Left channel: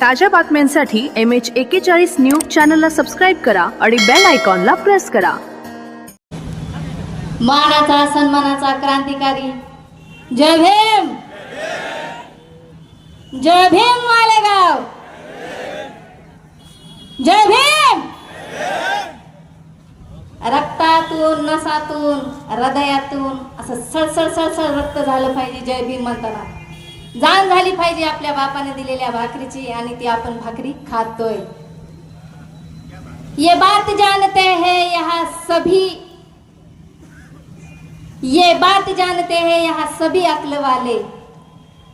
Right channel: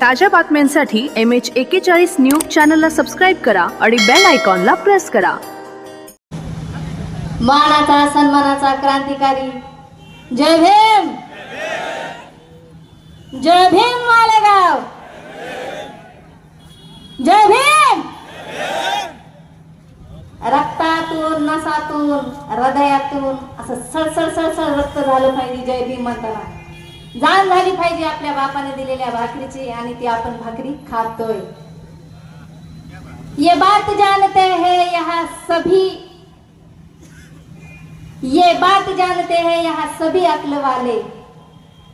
ताज्या बातम्यांसाठी MH41 news चॅनलला सबस्क्राईब करा आणि बेल आयकॉनला प्रेस करा. मानाचा सन्मानाचा क्रांतिकारी जय भीम. जय भीम मालेगाव. जय भीम. रक्तातून नसातून हृदयातून असं सळसळ सळसळ रक्त झालं पाहिजे जय भीम म्हणताना. जाण झाली पाहिजे आपल्या बापाने दिलेल्या भाकरीची आणि ती आपण भाकरी खातोय. ये बात जानते हैं यहाँ सभी, ये बात जानते हैं यहाँ सभी अक्ल वाले,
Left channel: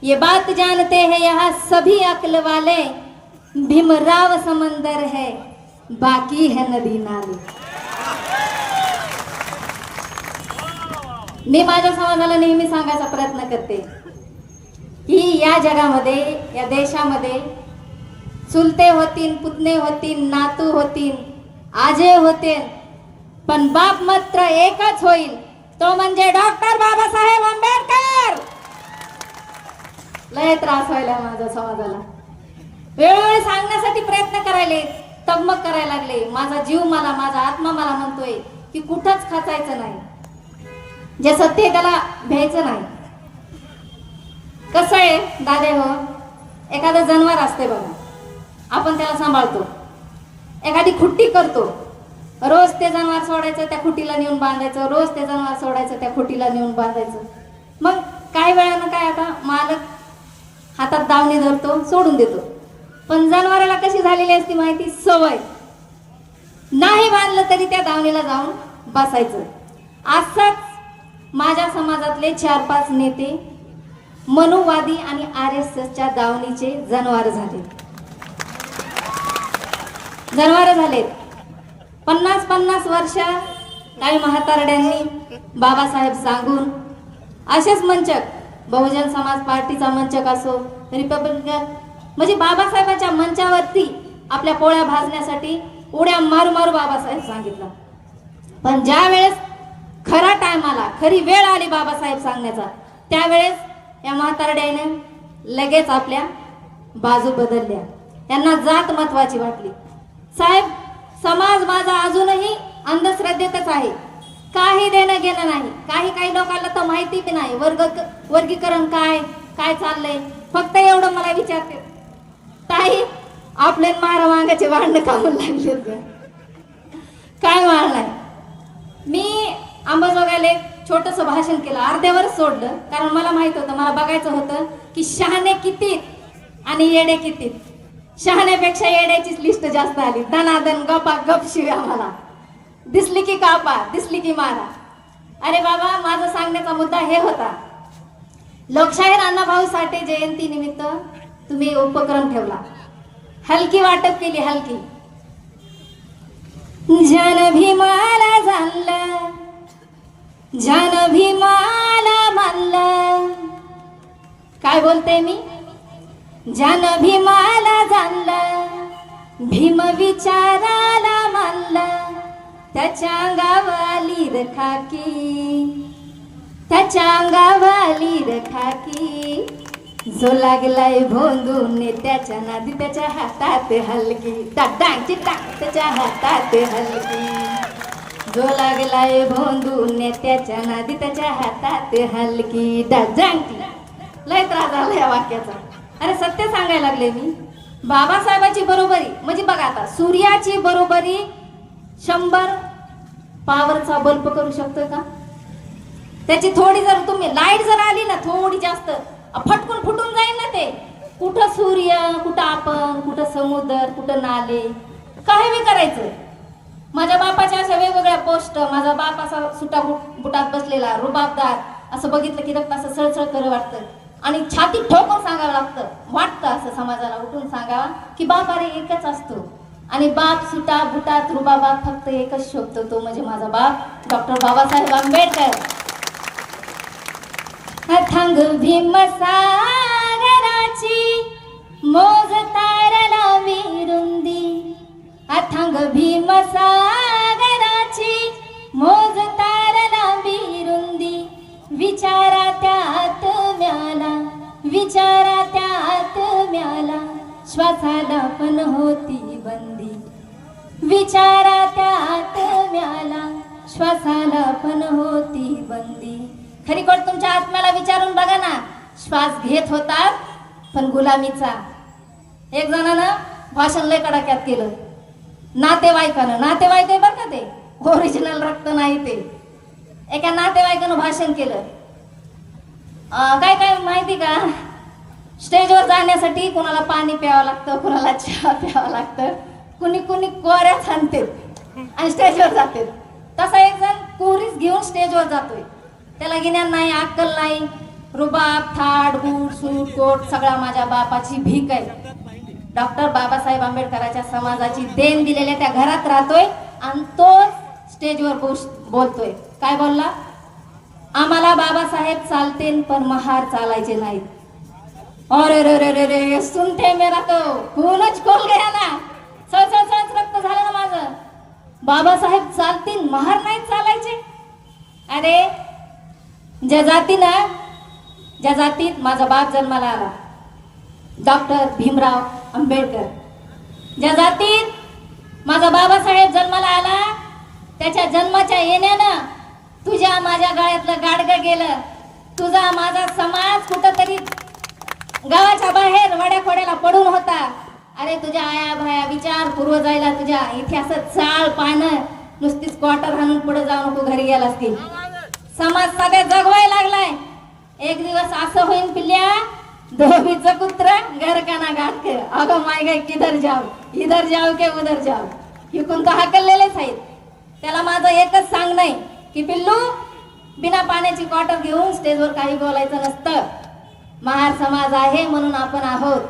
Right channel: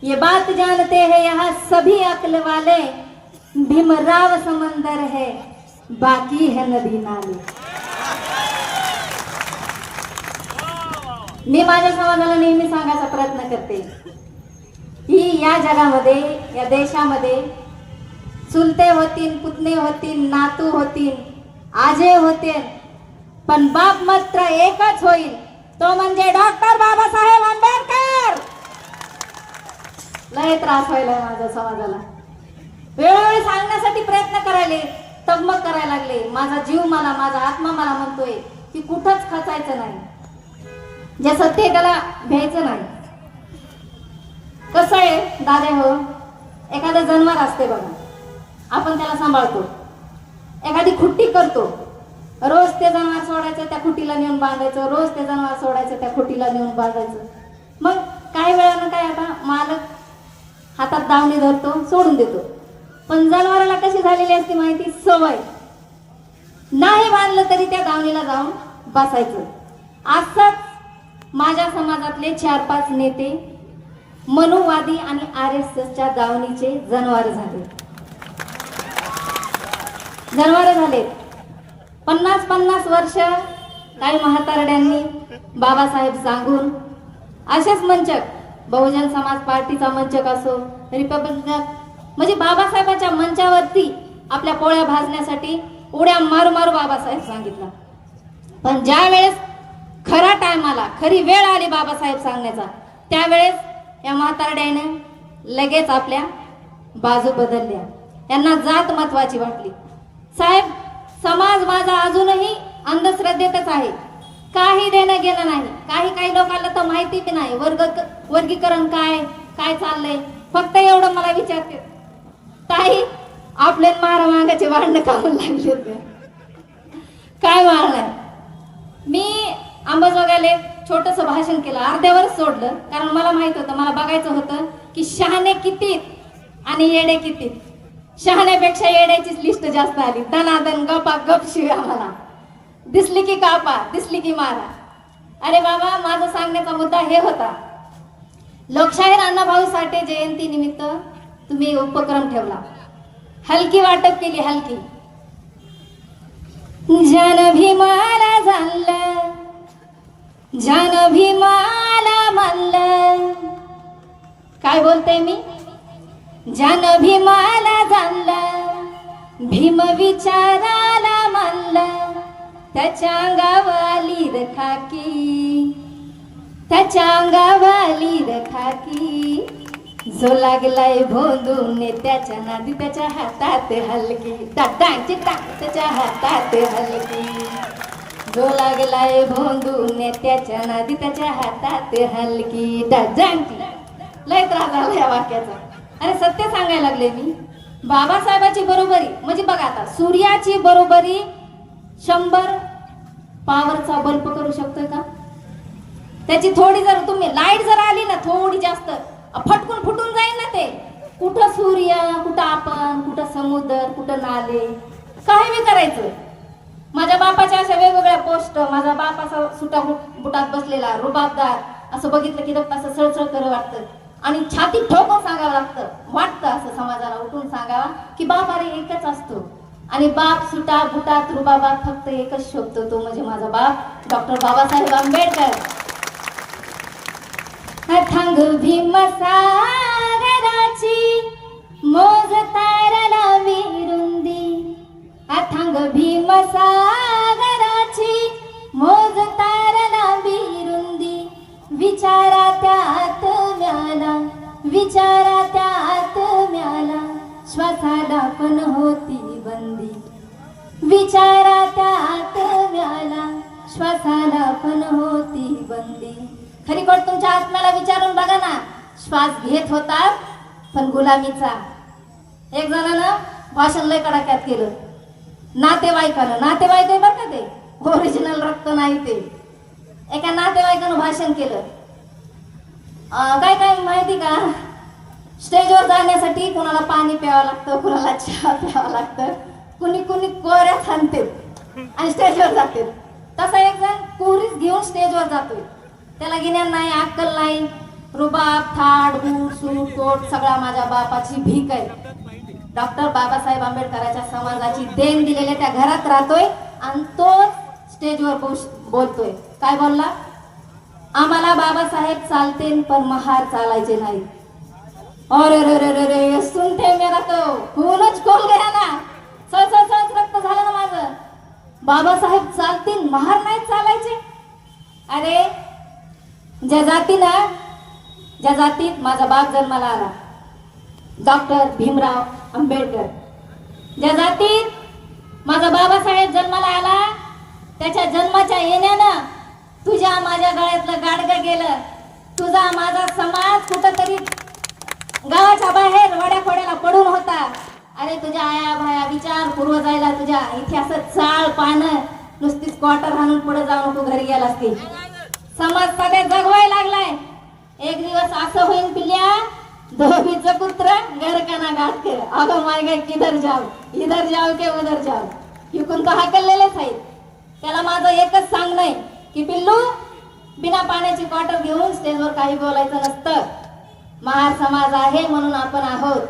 ये बात जानते हैं यहाँ सभी अक्ल वाले, भीमराव समंदर है बाकी है नदी नाले. मी माझ्या समाजाला नेहमी सांगायचा प्रयत्न करते की या जगामध्ये या देशामध्ये चुलते होतील, पुतणे होतील, नातू होतील, आजे होतील, पण बाप मात्र एकच होईल, तो म्हणजे डॉक्टर बाबासाहेब आंबेडकर. लय त्रास व्हायला माझ्या समाजाला. वेळोवेळी सांगण्यासाठी प्रयत्न करायले, तगमग करायला लागले. माझा जीव मला, माझा आत्मा मला म्हणतोय की कुठंच खचायचं नाही, जे सत्य त्याला घ्यायचं नाही. कसं आहे दादे हो, एखादं जनावर असते बघा, आपण त्याला सांभाळतो, एखादी खुट्टी करतो, रोज ते जनावर सोडायचं, त्या खुटीला नेऊन बांधायचं, रोज ते जनावर सोडायचं, त्या खुटीला नेऊन बांधायचं. मग काही वेळानं काय, आता मालक हातात दावणी धरतो, सोडून देतो. पण जनावराला कशी झालेली असते माहिती, सवय. नाही बांधलं तरी त्या दावणीला जाऊन बसायचं. असंच माझ्या समाजातले 4-5 नेते मनुवादी आणि RSSच्या दावणीचे जनावर झाले. 50-50 वर्ष काही म्हातारड्यांनी बाबासाहेब सांगून असेच मंचक, बहुजन समाज पार्टीचा मंचक असो, रिपब्लिकन, म्हणजे बाबासाहेबांच्या मंचावरती आपल्या पोळ्या भाजण्यासाठी उड्या मारू मारू बाबासाहेब सांगितला. पण ज्या वेळेस खरा टायमाला, खरी वेळ आली बाबासाहेब सांगण्याचा, त्यावेळेस या म्हातारड्याने लगेच आपल्या बाजू बदलल्या. त्यांना जात महत्वाची वाटली. साहेब, समाज माझा अजूनही अंधश्रद्धेतच आहे, काही देणं घेणं नाही. काही लोकांना तर माहिती बी नाही वर्गीकरण काय काय चाललंय. फक्त एवढं मला विचारते, ताई आपले मारा मागाचे भांडणं कामून लागले काय मारणार. मी अंबाजोगाईला एक छोटस भाषण केलं, अर्ध्यावर सोडलं, कारण मला माहित होतं, मला बघायचं होतं की शहाणे किती आणि येडे किती. शहाण्यापेक्षा येड्याचीच लिस्ट जास्त आली. दनादन गपा गप शिव्या, मला दिसली की कापा, दिसली की मारा. अरे बाबा, माझा सांगण्याचा मुद्दा हे होता, लोकशाहीर अण्णाभाऊ साठे जयंती निमित्त तुम्ही उपक्रम ठेवला, हलकी वाटप केली, हलकी. जन भीमाला झालं, जन भीमाला म्हणलं, काय बोलते मी, जन भीमाला झालं, भीम विचाराला म्हणलं, त्याच्या अंगावाली रखाकी, त्याच्या अंगावाली रखाकी, जो लागलाय भोंदून त्याच्या नादी त्याच्या हातात हलकी, दादांची टाक त्याच्या हातात हलकी, जो लागलाय भोंदून त्याच्या नादी त्याच्या हातात हलकी, दादांची. लय त्रास झाला या वाक्याचा. अरे सत्य सांगायला लागले मी. बाबासाहेबांची बरोबरी म्हणजे बघा, आता सूर्याची बरोबरी 100 पॉवरचा बल्ब करू शकतोय का? त्याची थोडी जर तुम्ही लाईट जर आली ना, थोडी जास्त, फटकून फुटून जाईल ना ते. कुठं सूर्य, कुठं आपण, कुठं समुद्र, कुठं नाले, काही बी करायचं. माझ्या बापाच्या अशा वेगवेगळ्या पोस्ट, माझा बाप असा सुटा बुटात बसलेला रुबाबदार, असं बघितलं की रक्त असं सळसळ कर वाटतं आणि छाती ठोकून सांगावं लागतं. वाटतं असं समाजाला उठून सांगावा की बाप अरे एकच असतो, आणि बाप सुटा बुटात रुबाबात फक्त एकच शोधतो, तो म्हणजे माझा बाप डॉक्टर बाबासाहेब आंबेडकर. अथांग भीम सागराची मोज तारला विरुंदी, अथांग भीम सागराची मोज तारला विरुंदी, विचारा त्यात म्याला, विचारा त्यात म्याला, श्वासाला पण होती बंदी, विचारा त्यात म्याला श्वासाला पण होती बंदी. खरीकोट तुमच्या आत्म्याला विचारून बघा ना, श्वास घेत होतात पण गुलामीचा. एक जणानं भाषण लय कडाक्यात केलं, नातेवाईक बरं का ते, ओरिजिनल रक्त नाही ते. एका नातेवाईकानं भाषण केलं, काय काय माहिती का, स्टेजवर जाण्यासाठी कोणाला पाणी प्यावं लागतं, कोणाला चहा प्यावं लागतं, कुणी कुणी कोऱ्या थांबते आणि स्टेजवर जाते. तसा एक जण कोरीच घेऊन स्टेजवर जातोय, त्याला गिन्यान नाही, अक्कल नाही, रुबाब, थाट, बूट, सूट, कोट सगळा माझ्या बापाची भीक आहे. डॉक्टर बाबासाहेब आंबेडकरांच्या समाजाची देण दिलेल्या त्या घरात राहतोय आणि तो स्टेजवर बोलतोय. काय बोलला? आम्हाला बाबासाहेब चालते पण महार चालायचे नाही. अरे रे रे रे रे, सुनते मेरा तो खूनच खोल गया ना, सळसळ रक्त झालं ना माझं. बाबासाहेब चालतील, महार नाही चालायचे. अरे ज्या जातीत माझा बाप जन्माला आला, डॉक्टर भीमराव आंबेडकर, ज्या जातीत माझा बाबासाहेब जन्माला आला, त्याच्या जन्माच्या येण्यानं तुझ्या माझ्या गळ्यातलं गाडगं गेलं. तुझा माझा समाज कुठंतरी गावाच्या बाहेर वड्याखोड्याला पडून होता. अरे तुझ्या आया भाया विचार पूर्व जायला, तुझ्या इथे असं चाळ पानं नुसतीच क्वार्टर हाणून पुढे जाऊ नको, घरी गेला असतील. समाज सगळ्या जगवायला लागलाय. एक दिवस असं होईन पिल्ल्या, धोबीचं कुत्र घर का ना गाठ कर, अगं माय गाय किधर जाऊ, इधर जाऊ के उधर जाऊ, इकून तर हाकललेलेच आहेत. त्याला माझं एकच सांगणं आहे की पिल्लू, बिना पाण्याची क्वार्टर घेऊन स्टेजवर काही बोलायचं नसतं. महार समाज आहे म्हणून आपण आहोत.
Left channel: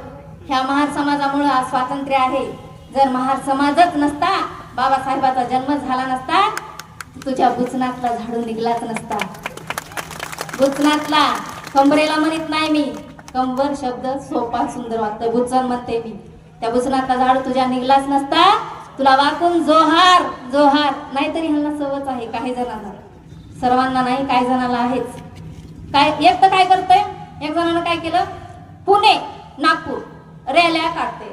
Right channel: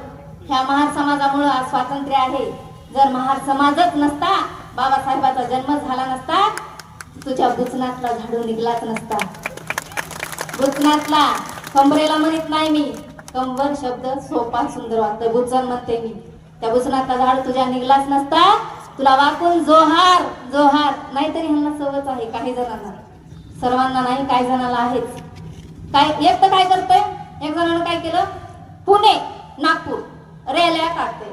ह्या महार समाजामुळे आज स्वातंत्र्य आहे. जर महार समाजच नसता, बाबासाहेबाचा जन्म झाला नसता, तुझ्या बुचनातला झाडू निघलाच नसता. बुचनातला कंबरेला म्हणत नाही मी, कंबर शब्द सोपा सुंदर वाटतं, बुचन म्हणते मी. त्या बुचनातला झाडू तुझ्या निघलाच नसता. तुला वाकून जोहार जोहार. नाहीतरी ह्यांना सवच आहे, काही जणांना, सर्वांना नाही, काही जणांना आहेच. काय एक तर काय करतंय, एक जणांना काय केलं, पुणे नागपूर रॅल्या काढते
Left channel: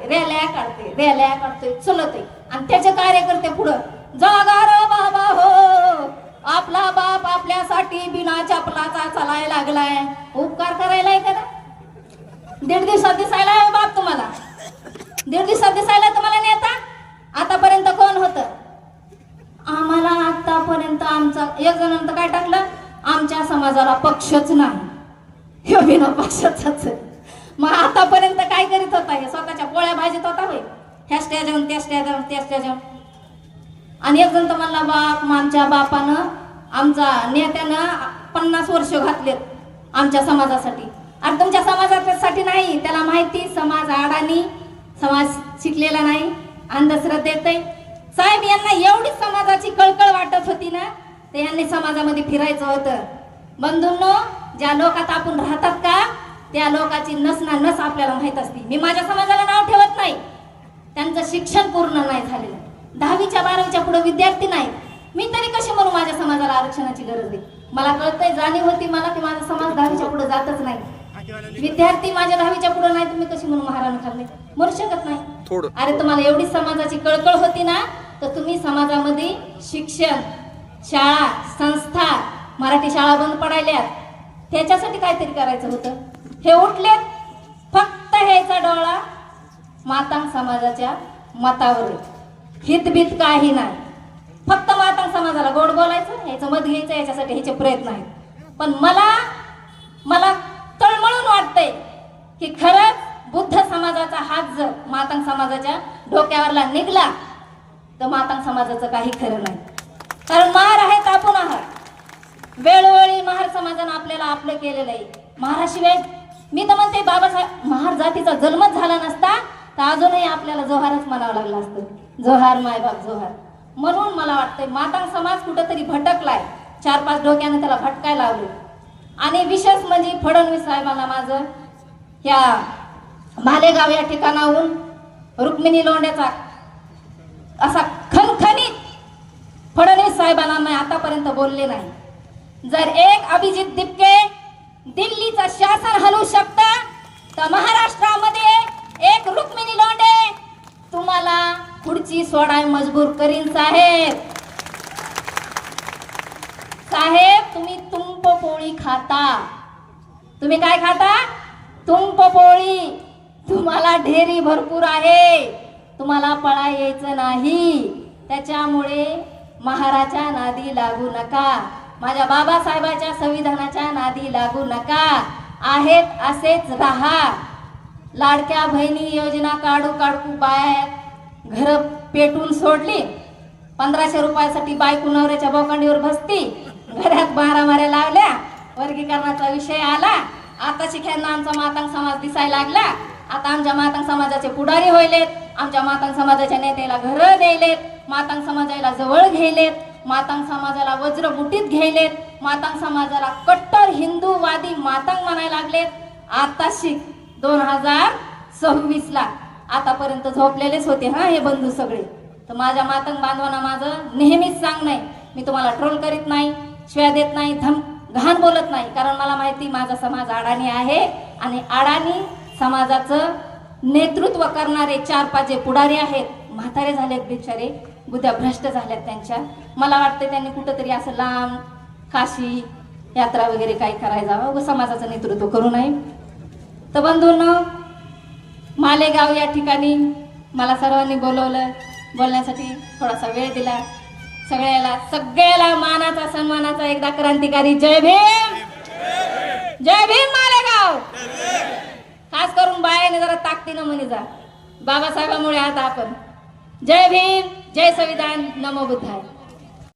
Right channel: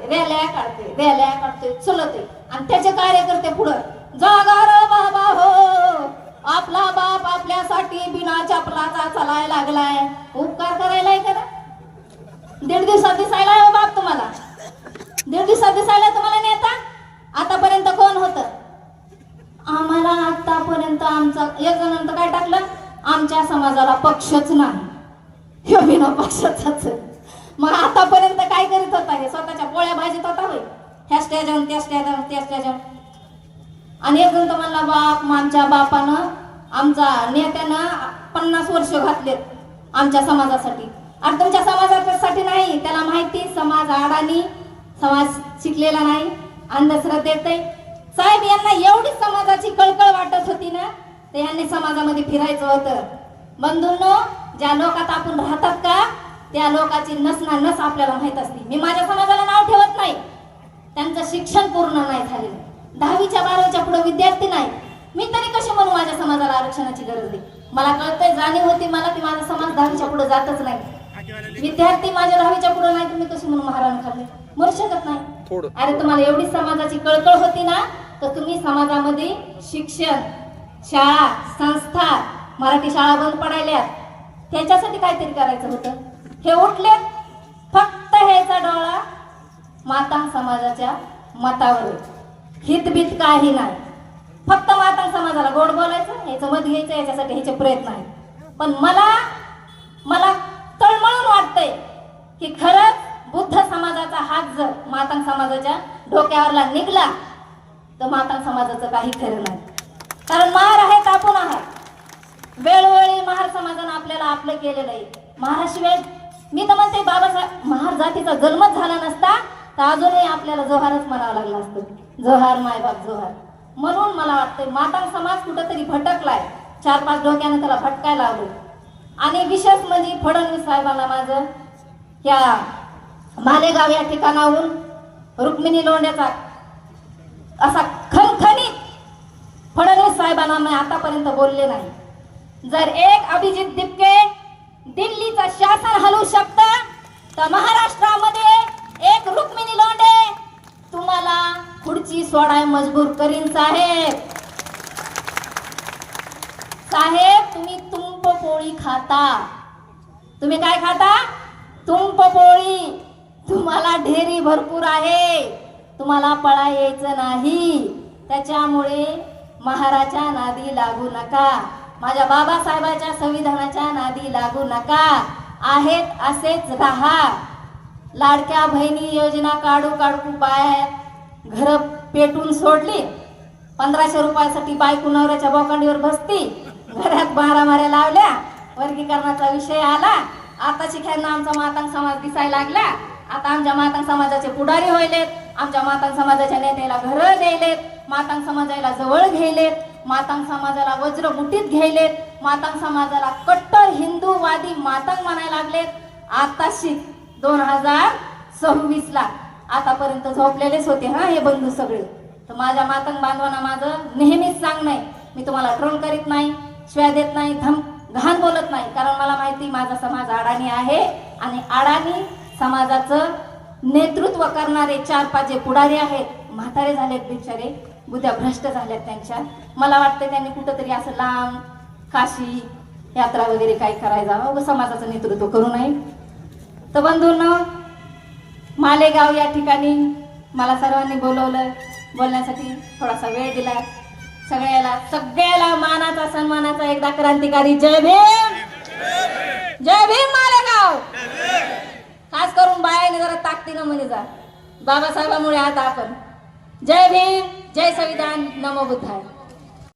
चलते आणि त्याचे कार्यकर्ते पुढं, जागा रे बाबा हो, आपला बाप आपल्यासाठी बिना चपलाचा चालायला लागलाय. उपकार करायलाय का? 1.5 दिवसात दिसायला बाप तुम्हाला, 1.5 दिवसात दिसायला तुम्हाला नेता. आतापर्यंत कोण होतं? आम्हाला आतापर्यंत आमचा एक जणांचं काय टाकलं, आमच्या समाजाला पक्षच नाही, हे बिना पक्षाचाच. मग आतापर्यंत काय करीत होता? हे स्वतःच्या पोळ्या भाजीत होता होय, ह्या स्टेजन त्या स्टेजन. आणि एक जण तर म्हणला, बाप आमच्या बापानं, आमच्या नेत्यानं 50 वर्ष घातलेत आमच्या समाजासाठी. आणि तुमच्या समाजासाठी नाही, त्याला माहिती समाज अडाणी, समाज शिकलेला नाही, अंधश्रद्धेत आहे. साहेब यांना एवढी समाजाची कळकळ वाटत होती ना, तर यांनी समाजामध्ये फिरायचं होतं. बंधूंनो, ज्या लोकात आपण राहतात का, त्या लोकांची नस ना नस आपल्याला माहित असते. मी माझ्या समाजाला नाव ठेवत नाही, त्यांचं शिक्षण पूर्ण नाही झाले, 10वीच्या 12वीच्या पुढे विद्यार्थी नाही. मी तरी कशी म्हणू माझ्या समाजाला आरक्षणाची गरज आहे? मला कळतंय, जाणीव होती मला की माझा समाज 10वीच्या पुढे जातच नाही. विद्यार्थी माझ्या 10वीच्या पुढे नाही, तुम्ही कशी म्हणून महाराण खाल्ले? म्हणू शकत नाही. अरे तुम्हाला एवढी समाजाची कळकळ होती ना, तर तुम्ही समाजामध्ये शिक्षण, शाळा, संस्था, मराठी शाळा बंद पडायल्या, त्याच्यासाठी काहीतरी करायचं होतं. हे उठले फक्त ह्याचा डोळा मातांग समाजाच्या मतावर, हितभीत काही नाही. फक्त मातांग समाजाला गोड बोलायचं, ह्याचं मत घ्यायचं, याच्यासाठी ह्याचे प्रयत्न आहेत. पण मला तळमळून वाटतंय की खरंच बुद्ध समाजाचा हात जर मातांग समाजाच्या डोक्यावरला निघला तर मातांग समाजाचं काही खरं नाही. कारण महार आहेत, आपण आहात. वेळोवेळी महार समाजानं आपल्याला आपलं केलेलं आहे. महाराशिवाय मी तर म्हणते, बाबासाहेब महार जातीचा जन्मच झाला नसता तर अजूनही आपल्याला जोहारच म्हणावं लागलं असतं. जोहार मायबाप जोहार. म्हणून मला वाटतंय मातांग समाज कुठेतरी भटकलाय, 4-5 डोक्यानं त्याला भटकायला लावलं. आणि विशेष म्हणजे फडणवीस साहेबांना माझं या मालेगाव या ठिकाणाहून रुक्मिणी लोंढ्याचा असा खणखणीत फडणवीस साहेबांना मी आतापर्यंत बोलले नाही. जर एक अभिजित दिपके दिल्लीचं शासन हलवू शकतं तर महाराष्ट्रामध्ये एक रुक्मिणी लोंढे खुर्ची सोडाय मजबूर करीन साहेब. साहेब तुम्ही तुंप पोळी खाता. तुम्ही काय खाता? तुंप पोळी. तुम्हाला ढेरी भरपूर आहे, तुम्हाला पळा यायचं नाही. त्याच्यामुळे महाराच्या नादी लागू नका, माझ्या बाबासाहेबाच्या संविधानाच्या नादी लागू नका. आहेत असेच राहा. लाडक्या बहिणी योजना काढू बाहेर घर पेटून सोडली. 1500 रुपयासाठी बायको नवऱ्याच्या बोकांडीवर बसती. घरात मारामाऱ्या लावल्या. वर्गीकरणाचा विषय आला. आता शिख्यांना आमचा मातांग समाज दिसायला लागला. आता आमच्या मातांग समाजाचे पुढारी होईलेत. आमच्या मातांग समाजाच्या नेत्याला घरं द्यायलेत. मातांग समाजाला जवळ घ्यायलेत. मातांग समाजाला वज्रमुठीत घ्यायलेत. मातांग समाजाला कट्टर हिंदूवादी मातांग म्हणायला लागलेत. आता शिक 2026ला आतापर्यंत झोपलेलेच होते हा हे बंधू सगळे. तर माझ्या मातंग बांधवांना माझं नेहमीच सांग नाही, मी तुम्हाला ट्रोल करीत नाही, शिव्या देत नाही, घाण बोलत नाही. कारण मला माहिती माझा समाज अडाणी आहे आणि अडाणी समाजाचं नेतृत्व करणारे 4-5 जे पुढारी आहेत, म्हातारे झालेत बिचारे, बुद्ध्या भ्रष्ट झाल्यात त्यांच्या. मला वाटतं त्यांनी कुठंतरी असं लांब काशी यात्रा वगैरे काही करायला जावं, समाजाचं नेतृत्व करू नये. तर बंधूंनो, मालेगाव या ठिकाणी मला सर्वांनी बोलवलं, बोलण्यासाठी थोडासा वेळ दिला. सगळ्याला मानाचा सन्मानाचा एकदा क्रांतिकारी जय भीम. जय भीम मालेगाव. खास करून बायाने जरा ताकदीनं म्हणे जा, बाबासाहेबांमुळे आता आपण. जय भीम, जय संविधान, नमो बुद्धाय.